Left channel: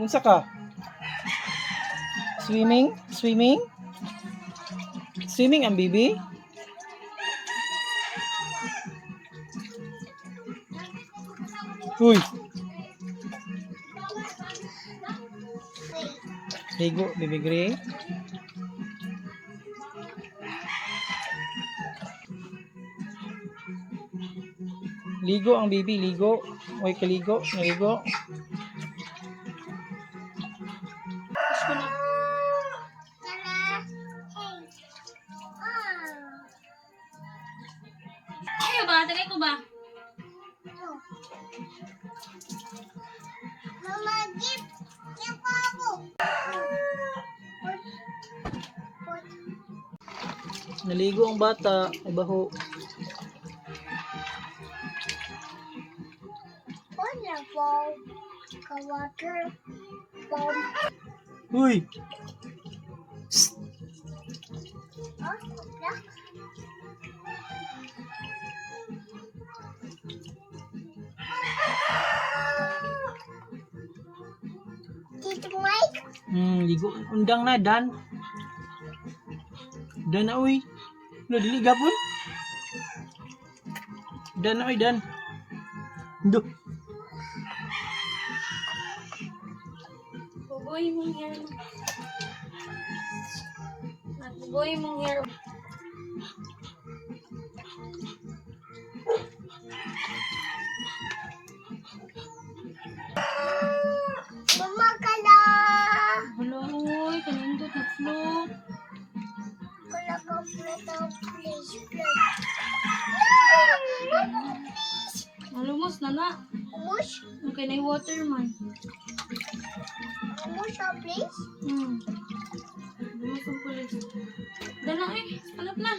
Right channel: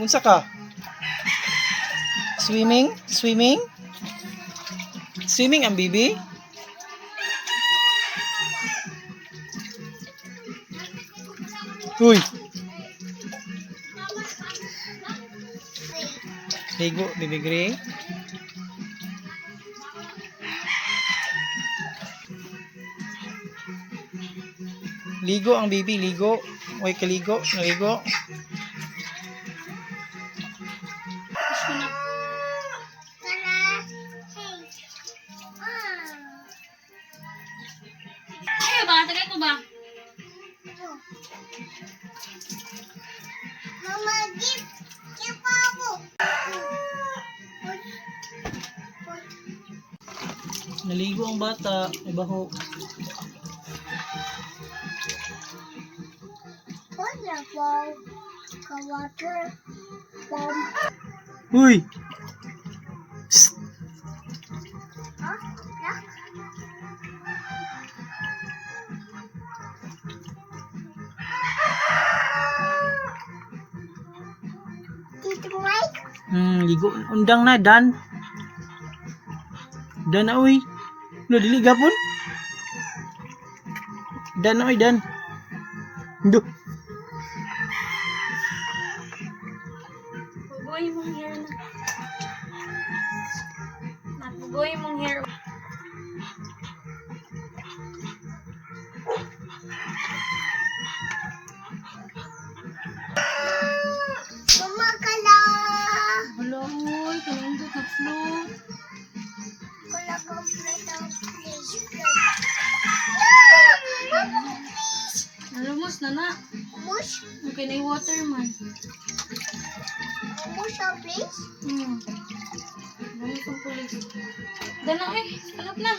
Unsa ka? Swimming? Swimming? Swimming ang bibi? Uy! Ligo, Bibi Gray. Ligo ang bibi, ligo. Uy, kaligo, naligo. Ayaw ba? Tagay ko ba? Mama, give Pabo. Naligo ang bata. Ay, baho. Wala po. Ka-water. Pom. Uy! Ah, wala. Tito Mike. Ligo. Undang na, Dan. Dan na, uy. Lo, dili gapon. Dan na, uy, Dan. Duh. Bugoy mong hair. Bugoy mong hair. Mama kala. Hala, uy. Kanindot na float. Kala ka plate of please. Nalumos na na. Mush. Okay na yung water man. Mush please. Lumos ang pulis. Gano'n eh. Kanap na.